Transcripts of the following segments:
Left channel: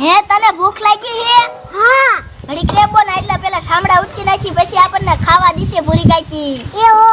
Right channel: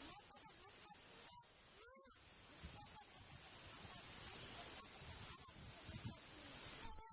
હે તને ભૂખ લાગી હે? હા. ઘડી રે બોન એટલે પેલા ઠામડા ઉટકી નાખી પછી આપણને ખાવા દીશે ભૂરી કાકી એવો.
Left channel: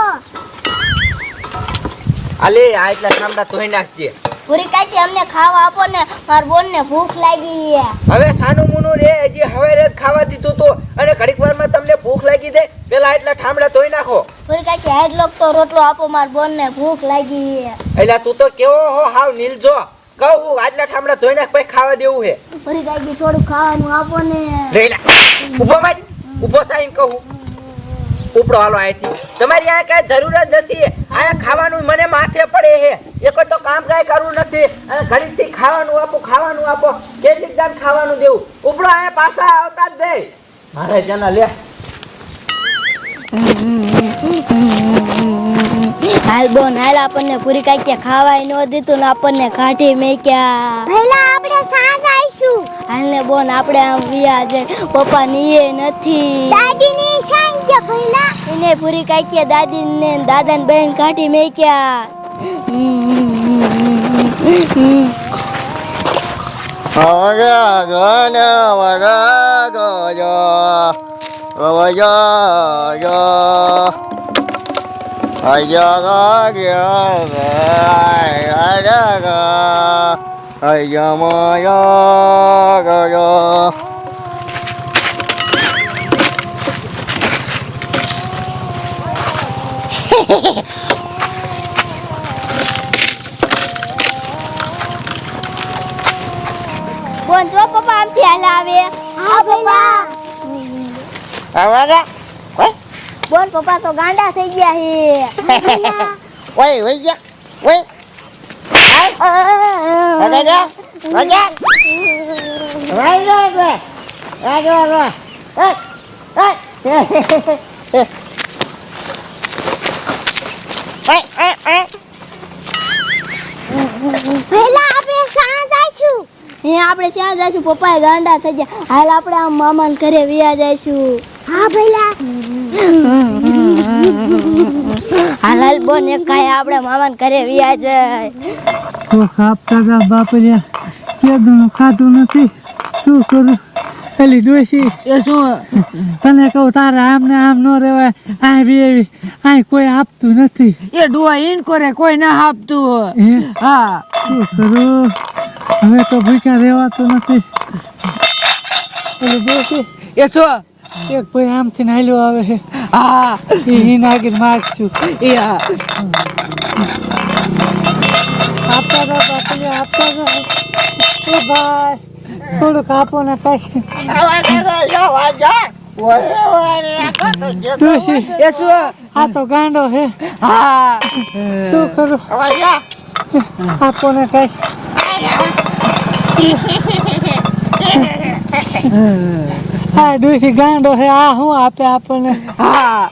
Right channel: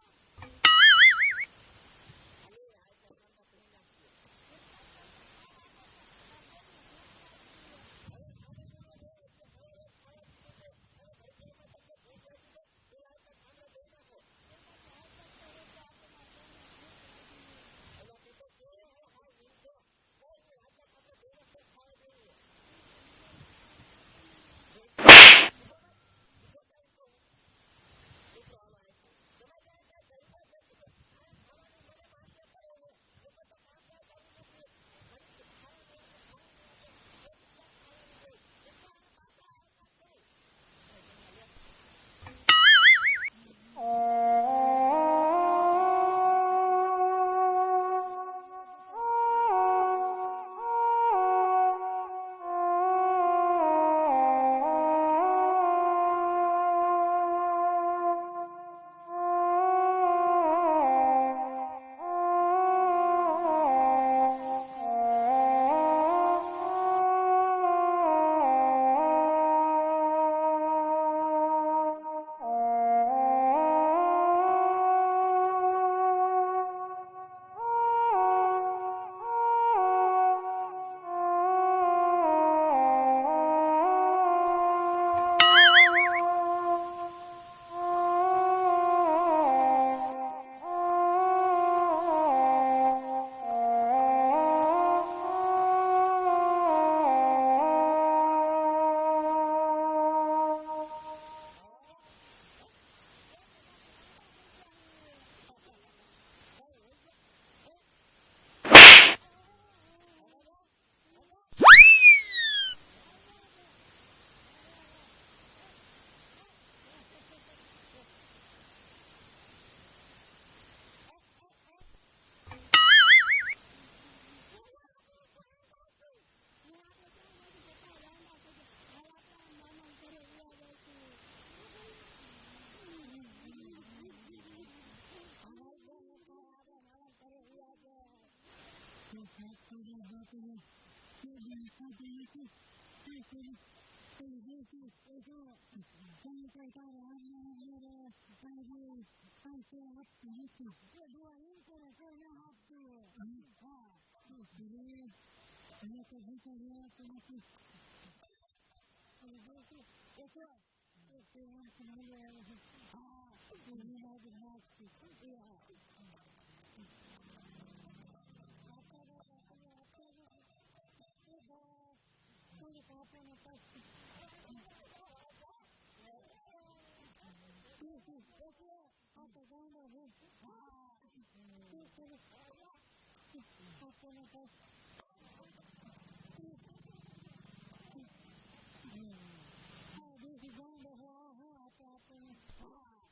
અલે આ એટલા ઠામડા ધોઈ નાખજે. ભૂરી કાકી અમને ખાવા આપો ને માર બોન ને ભૂખ લાગી હે. હવે સાનું મુનું રે હજી હવે રે ખાવા દીધું તો. અને ઘડીક વારમાં તમને ભૂખ લાગી જાય પેલા એટલા ઠામડા ધોઈ નાખો. ભૂરી કાકી હેડ લોક તો રોટલો આપો માર બોન ને ભૂખ લાગી હે. એલા તું તો કેવો હો હાવ નીલજો. કહું હું આટલા ઠામડા ધોઈ નાખ પછી ખાવા દેવું છે ફરી કાકી થોડું ખાવાનું આપો ને. લઈ લે. ઊભો માર. ઊભો થાય કહું ઉપડો હાલો અહીંથી તમારી આ કઈ જરૂર જ નથી આ ખાવાનું મને માથે પડે હે. એક તો કામ કાંઈ કરવું નથી. અને ઘડીકથી ખાવાનું આપો ખાવાનું આપો. કેટલીક દાન ખાવાનું દેવું. ઉપડો આ પાછા આવતા જ દે મારે જના લે. હાલ બોન હાલ આપણને પૂરી કાકી ખાવાય ન દીધું ને આપણને કાઢી મેક્યા. પહેલા આપણે સાંજ આવીશું. હાલ ને બોન આપણે આમ વિયા છે. પપ્પા નીએ નથી. દાદીની સાંજ કે પહેલા એને પૂરી કાકી દાદી ને દાદા ને બહેન કાઢી મેક્યા હાલ આવે હા પહેલા બોન પપ્પા તો ગાંડા થઈ ગયા હે Quay, quay પપ્પા તો ગાંડા થઈ ગયા હે ઓય ઓય ra ઓય. Ê, ê. Ê, ê, ê. આપણે સાંજ આવીશું હે આપણે ત્યાં જઈશું પપ્પા ગાંડા થઈ ગયા હાલ આપણે આમ મામાને ઘરે વ્યા જઈશું હા પહેલા હાલ બોન એક કાય આપણે મામાન ઘરે વિયા જાય. તો ખાપતા હતા બાપરિયા કેદું ખાતું નથી. શું કરું? પેલી દોશી એ શું? તને કહું તારા આમ ને આમ ન રહેવાય. આ બી એવી આ કોઈ આપતું નથી. એ ડુઆ ઈન કરે કોઈ ના આપતું હે? શું કરું? હવે તો ભૂખ્યા રહેવાતું નથી. પેલી એ શું? એક ભાઈ આમથી નાલ્યો આવે હા. એ આગળ માગશું એ હા આપતા હતા બાપરિયા આપતા હતા એ ભાઈ થોડુંક આપો ને કઈ. આ તો ગાંડો હા શું કરું? Ra ra. આપો ને કઈ. હા ડોસી ગાંડો છે આ શું આપે આપણને? હા.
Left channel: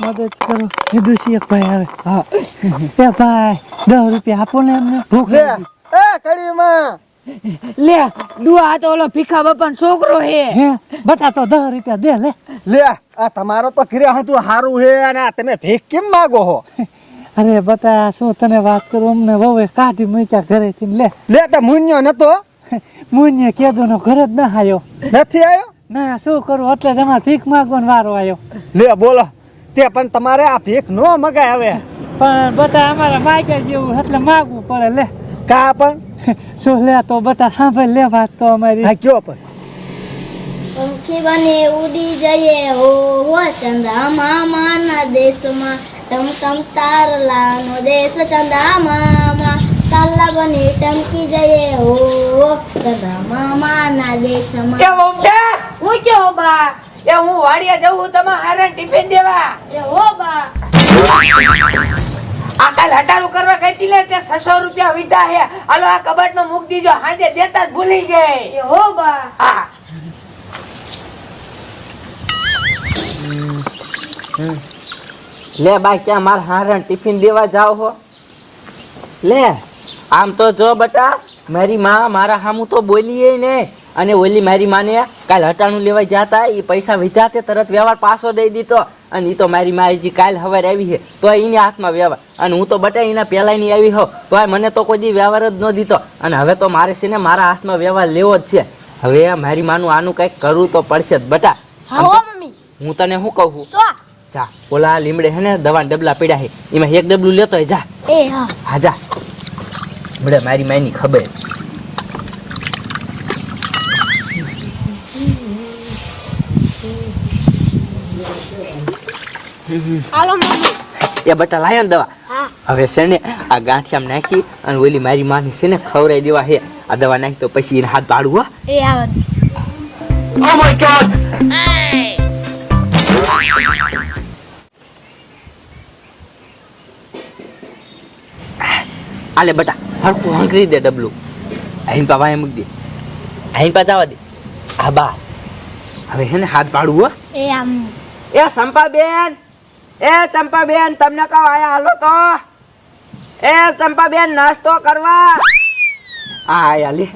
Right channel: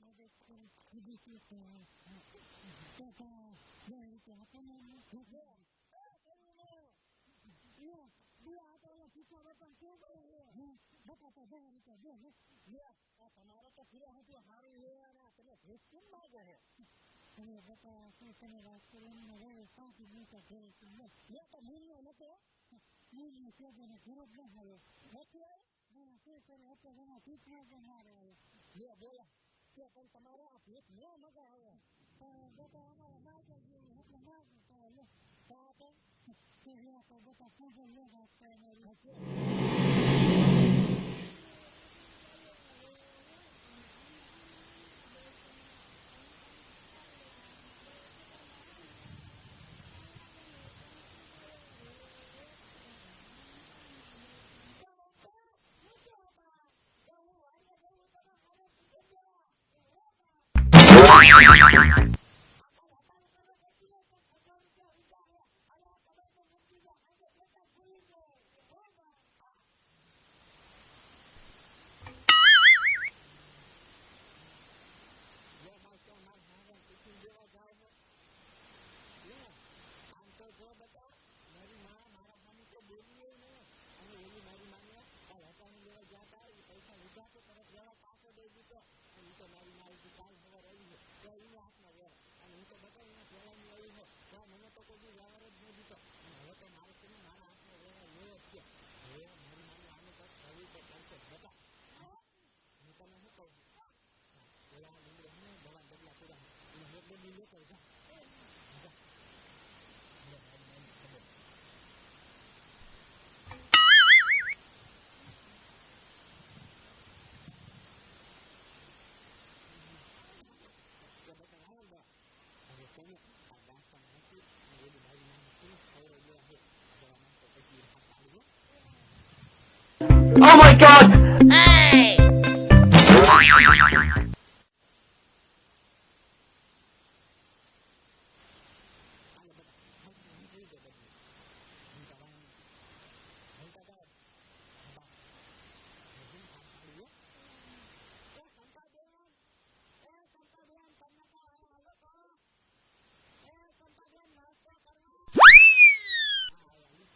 મદદ કરો. એ ડોસી એક ભાઈ આવે. હા. એ ભાઈ દસ રૂપિયા આપો ને એમને. ભૂખ લે. લાગી. એ કડીમાં. લે ડુઆ તો ઓલો ભીખા બાપા છોકરો હે. હે બટા તો દસ રૂપિયા દે લે. લે આ તમારો તો ઘરે હતું સારું હે અને આ તમે ભીખ કેમ માગો હો? અરે બટા શું તને વાત કરું? અમને વહુએ કાઢી મૂક્યા ઘરેથી લે. લે તો મુન્યો નતો. મુન્ય કેજો નો ઘર જ ના આવ્યો નથી આવ્યો ના શું કરું? એટલે તમારે ભીખ માગવાનો વારો આવ્યો લે બોલો. તે પણ તમારે આ ભીખ નો મગાય હવે. પણ બટા અમારે માગ્યા જેવું એટલે માગવું પડે લે. કા પણ? શું લે તો બટા સાંભળ લે વાત તો અમારી. હા કયો પણ? પંખી બને ઉડી જઈએ. હો હો ચંદા મામાના દેશમાં ટમ ટમ તારલાનો દેશ ચંદા મામા તારલા બની ટમકી જઈએ. હો હો ચંદા મામાના દેશમાં. એ મમતા હું ક્યો બા. એ હું વાડિયા જવું તમારે હારે ટિફિન દેવા. એ હો બા. આ કાલ હટાડું કરવા ગઈ તી લે તે 600 રૂપિયા વીટા હે. હાલો આ કબાટ મૂક દીજો હાજે દેતા જ ભૂલી ગઈ. એ હો બા. હા. લે બા ક્યાં મારા હારણ ટિફિન દેવા જાવ હો? લે. આમ તો જો બટા મારી માં મારા હામુ તો બોલીએ ને. અને ઓલી મારી માને કાલ હટાણું લેવા જતા એ પૈસા વિજાતે તરત વ્યવહાર પાછો દઈ દીધો. અને એ તો મારી મારી કાલ હવાર આવી છે તો એની હાથમાં વ્યવહાર. અને હું તો બટા એના પહેલા ની આવી હોઉં તો મને તો કોઈ દી વ્યવહાર જ ન દીધો. અને હવે તો મારે છે ને મારા હાથમાં વ્યવહાર લેવો જ છે. હવે મારી માનું આનું કંઈક કરવું તો પડશે જ. બટા હા તને શું કહું છું? જા ઓલા લીમડે હે ને દવા ડબલા પીડ્યા છે એમાં એક ડબલું લેતો જા. હા જા. બડે મારી માયની ખબર. એ બટા લાયો ને દવા. હવે છે ને આ ગાંઠિયામ નાખી અને ઓલી મારી માની છે ને ખવડાવી દેવા હે આ દવા નાખી તો પછી એને હાથ પાડવું હો. એ આવે. આલે બટા. હરખું હંકરી દે ડબલું. અહીં પા વાય મૂકી દે. અહીં પા જવા દે. આ બા. હવે હે ને હાથ પાડવું હો. એ આમ. એ ચંપાબેન. એ ચંપાબેન તમને કહો આયા હાલો તો. એ ચંપાબેન નાસ્તો કરવા. આ આયા લે.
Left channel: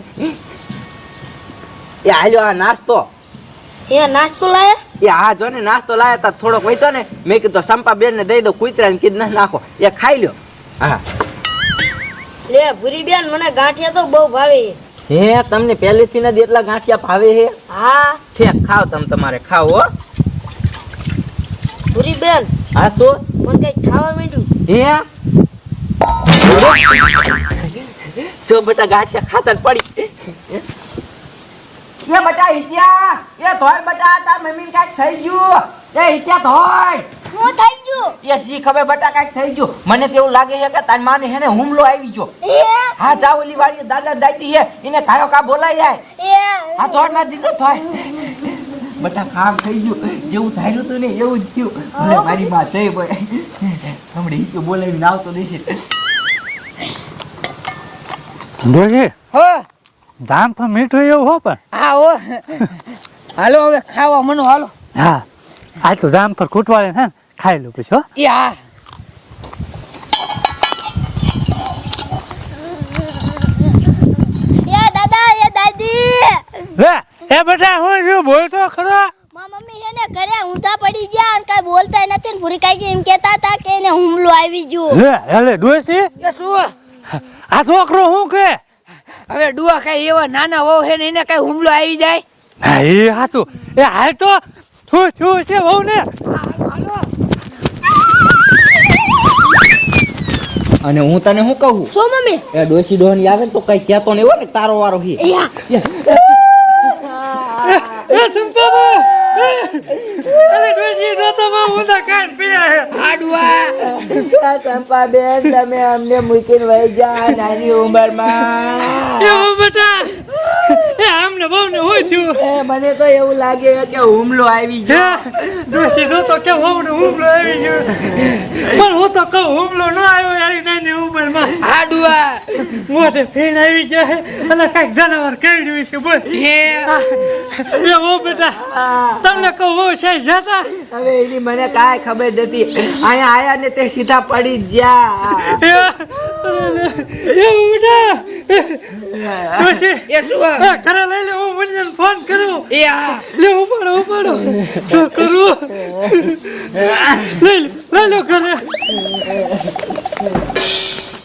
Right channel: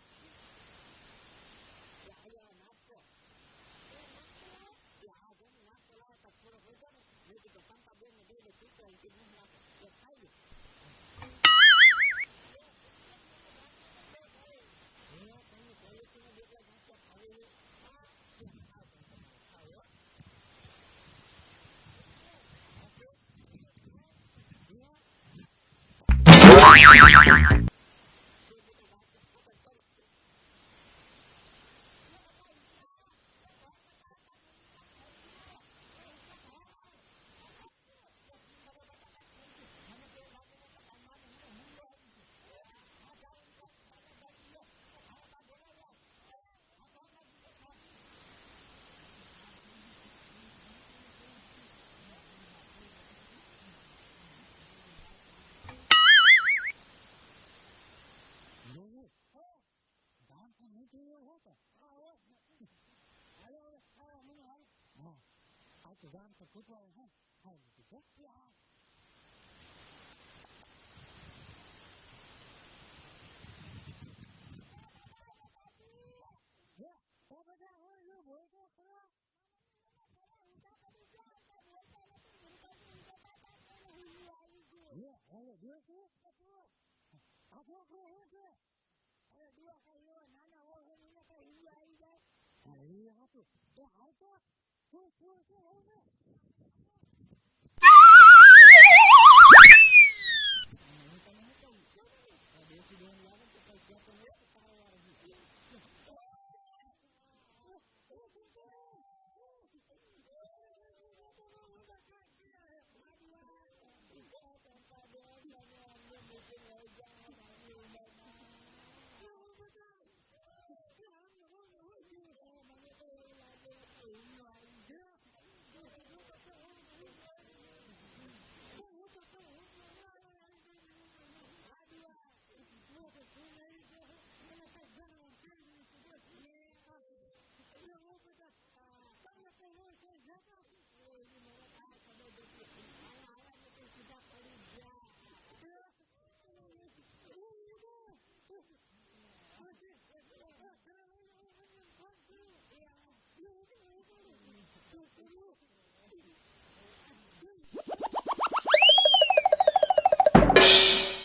એ હાલ્યો આ નાસ્તો. એ નાસ્તો લાયા? એ હા જો ને નાસ્તો લાયા તા થોડોક વહીતો ને મેં કીધું ચંપાબેન ને દઈ દો કૂતરાને કીધું ના નાખો. એ ખાઈ લ્યો. હા. લે ભૂરી બેન મને ગાંઠિયા તો બહુ ભાવે હે તમને પહેલેથી નથી એટલા ગાંઠિયા ભાવે હે હા. ઠેક ખાવ તમે તમારે ખાવ હો. ભૂરી બેન હા શું? મને કઈ ખાવા માંડ્યું? હે? જો બટા ગાંઠિયા ખાતર પડી. એ બટા હિત્યા એ ધોર બટા તાર મમ્મી કાંઈક થઈ ગયું. એ હિત્યા ધોર હું થઈ ગયું. એ સી ખબર બટા કાંઈક થઈ ગયું. મને તો એવું લાગે છે કે તારી માને હેને હુમલો આવી ગયો. એ. હા જા ઓલી વાળી દાદા દાદી હે એને કાયો કા બોલાય જાય? હા થોડ માર દીકરો ધોર બટા કામ થઈ ગયું. જેવું ધાર્યું તું ને એવું જ થયું. ભલે મારી માં જઈ ભાઈ હમણે હિત્યો બોલાવીને આવતો દેશે. ડોજી હો. ધામ પણ મીઠું એવું હો પણ. હા હો. હાલો હવે ખાવા મનો હાલો. હા. આ તો જામ પર કૂટવાળે ને. ખાઈ લો પછી હો એ હા એ દાદા એ દાદી લે એ બેટા હું શું બોલતો ખરો મા મમ્મી છે ને ઘરે ઊંધા પડી ગયા. અને કઈ બોલતા નથી. ને પૂરી કાંઈ એમ કહેતા હતા કે એને હુમલો આવી ગયો. લે ડોશી એ શું? આ છોકરો શું કે? હવે ડુઆ કઈ એવા નાના વહુ હે ને એને કઈ હુમલો આવી જાય? હા એ હાતું એ હાલ તો શું શું છે બહુ ને અને હું તને શું કહું? શું મમ્મી? એ ડોસી ડોહની આવે ને તો કઈ કહેતો નહીં હોય ને તારો વારો હી. એ એ. સંપાબા! અરે ડોસી તો તો હું ના કાન પીયા હે આડવા ચંપા બેન તમે અમને મૂકીને વહી જા નાની ઉંમરમાં. એ બહુ બેટા. એ આમને બહુ ને છું. એ મને તો એવું લાગે કે હુમલો આવી ગયો. ડોશી તો તો કે હુમલો આવી ગયો. પણ હું તો કહું હુમલો ન આવ્યો યારી નાની ઉંમરમાં. આ ડુઆ મોઢે ફેણ આવી જાય અને કાંઈક જનાવર કરડ્યું છે બોલ. હે. એ ઓ બેટા તમને કહું હું છે જતા. હવે એની મને કાંઈ ખબર નથી. અહીંયા આયા ને તે સીધા પડી જ ગયા. એ એ બેટા ડોશી એ શું કરે લઈ લે મને ફોન કરો એ આ. લે ઉપાડો ઉપાડો. શું કરું લઈ લો ઘરે.